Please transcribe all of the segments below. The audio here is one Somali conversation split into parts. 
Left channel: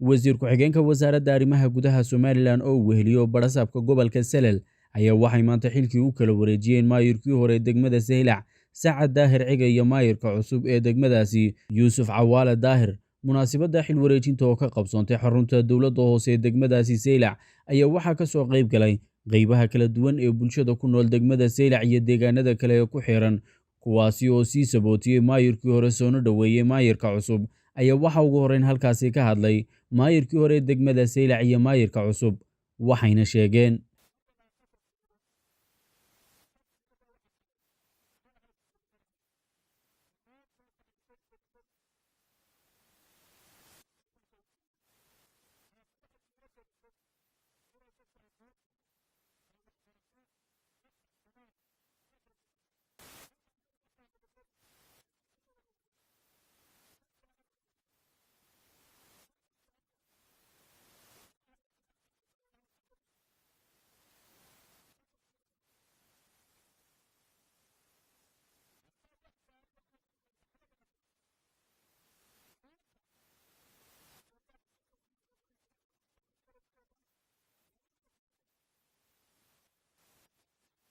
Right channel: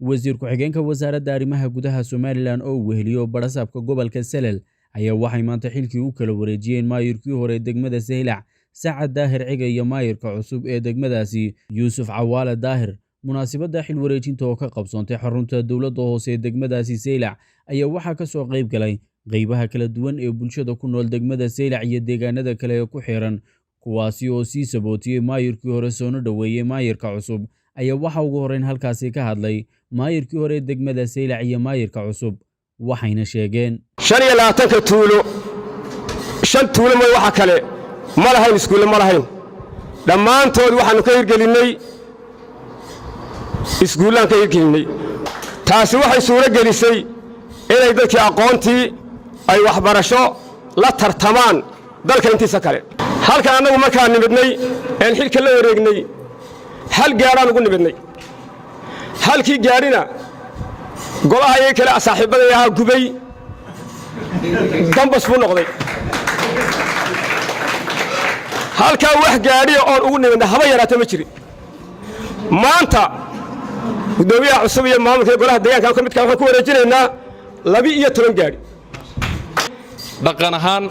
wasiir ku-xigeenka wasaaradda arrimaha gudaha Somaliland oo weheliyo barasaabka gobolka Salel ayaa waxay maanta xilkii u kala wareejiyeen maayirkii hore degmada Seylac Saacad Daahir Ciga iyo maayirka cusub ee degmadaasi Yuusuf Cawaale Daahir. munaasabadda xil wareejinta oo ka qabsoontay xarunta dowladda hoose ee degmadaasi Seylac ayaa waxaa ka soo qayb galay qaybaha kala duwan ee bulshada ku nool degmada Seylac iyo deegaanada kale ee ku xiran, kuwaasi oo sii sabootiyay maayirkii hore soona dhaweeyay maayirka cusub. ayaa waxa ugu horeyn halkaasi ka hadlay maayirkii hore degmada Seylac iyo maayirka cusub, waxayna sheegeen 25 tuulo 5 tuulo ma waxa kale ma lahayn iskuul ma lahayn, dhammaantood waxaanu ka hirgelinay iskuulaan ka hirgelinay. taasi waxay suuro gelisay inay dadkii aqoontii ay waxbarasho la tartamaan dalka intiisa kale. halka anagu markaan nimidnay ee xilka la wareegnay hal gaaraan ugu nimidnay, halkii gaarina golaha ay kale saaxiibadii ahaa gubay dambas buu noqday. halka wax gaariyo oo ugu nimidnay haba yaraatay ma jirin. maanta gudoomiyaha cusub iyo maamulka golaha deegaanka ka midka waxaan ku wareejinaynaa 12 gaari. dhaqan ahaan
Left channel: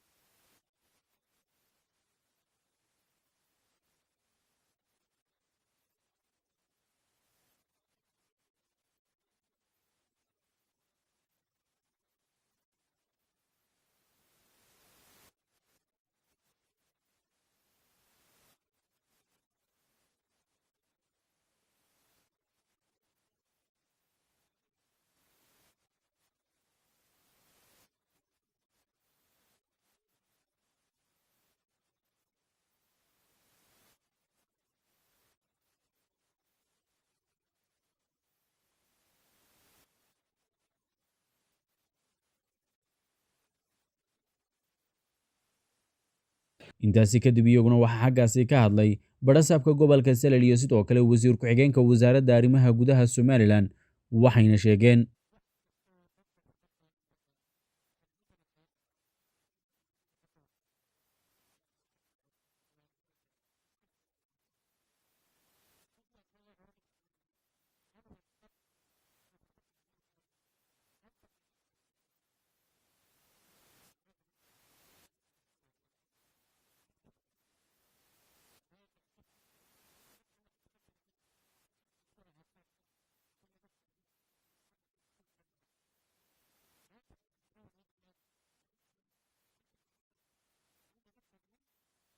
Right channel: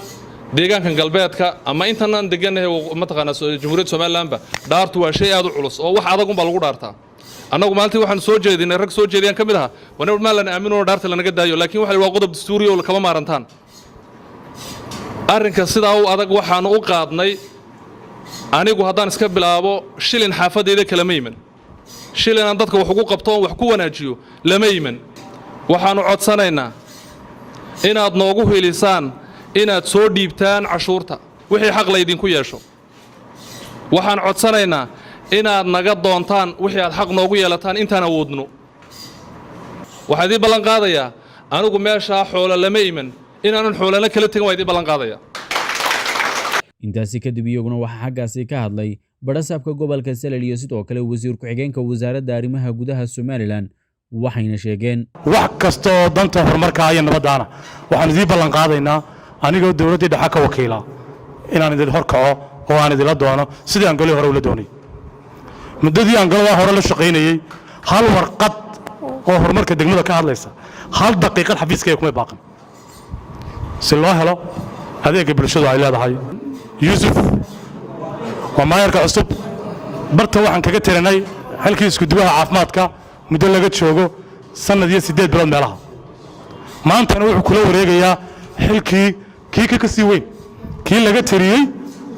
deegaankan galbeedka ama intanan deganahay mataqaana Jamhuuriyadda Soomaaliland dhaartu waa shay aad u culus oo wax adag un baa lagu dhaartaa. annagu maalintii waxaan soo jeedinay rag soo jeediyaan kamid ah wana ma lan aamino dhaarta lanaga daayo, laakiin waxa waa qodob dastuuri oo kama maarantaan. arrinka sidaa u adag waxaan u qaadnay anigu haddaan iska bilaabo shilin xaafadeeda kala meeyman, shilin aan dadka wax ugu qabto wax ku wanaajiyo lama iman. waxaanu codsanaynaa inaad noogu helisaan inaad soo dhiibtaan cashuurta wixii xaq la idinku yeesho. waxaan codsanaynaa inaad naga doontaan wixii aad xaq noogu yeelataan intaan awoodno. waxaa idin ballan qaadayaa anigu meesha xoolo lama iman inaanan xoolana kala tagin, waa idin ballan qaadayaa. intaasi kadib iyaguna waxaa xaggaasi ka hadlay barasaabka gobolka Salel iyo sidoo kale wasiir ku-xigeenka wasaaradda arrimaha gudaha Somaliland, waxayna sheegeen wax kasto danta horumarka iyo nabadana waxaan idin ballan qaadaynaa anigoo dawladda dhexe ka wakiila inaan idin horkaco oo aan idin la doono sidii aan galay hore ula doonay. muddadii aan galay hore la shaqeynayay hal warqad oo horumarka degmada ka hadlaysa hal daqiiqad xafiiskayga kuma baaqan si loo helo adeegga bulshadu ay leedahay. Yuusuf waa maayirka cusub, barta waxaan kaga tiranay halkii isku duwaha caafimaadka muddo laga joogo sanad iyo 8 bilood meelaha. maantana wuxuu kula wareegayaa xilkii ka sii weyn, kii laga tiriyay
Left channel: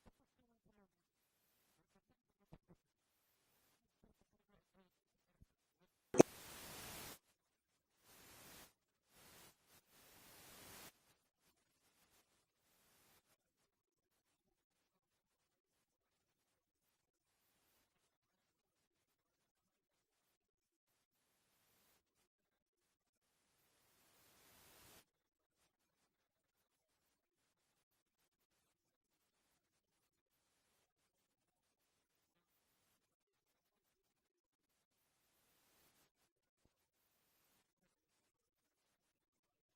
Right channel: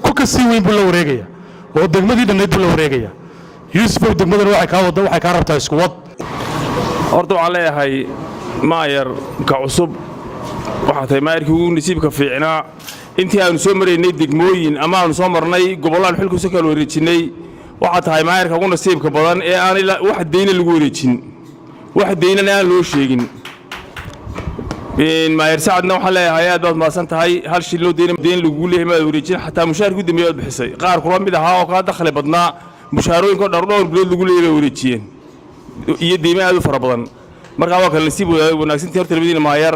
ku ka sii weyn buu la wareegayaa oo degmadii dhannayd buu la wareegayaa. Yuusuf degmadana waxay ka rabtaa isku wad. horta waxaan leeyahay maayirka cusub waxaa tahay maayirkii ugu nasiibka fiicnaa intii aanu soo maraynay degmooyin ama aanu soo marnay gobollaan xilkiisa kala wareejinay. waxaa tahay maayirka ugu nasiibka badan ee aan wax deyna lagu wareejin, wax deynana aan loo sheegin. maayir Saacadna waxaan leeyahay aad baad maasan tahay, hal shil loo deyn lagu leeyahay ma wareejin, xataa mushaharkii dambeeyay bixisay qaar kula mid ahaa oo ka dakhli badnaa mushaharooyinka dhowr bilood lagu leeyahay wareejiyeen iyo deyma aad u fara badan. marka waa kala nasiib wanaagsan horta labadiina maayir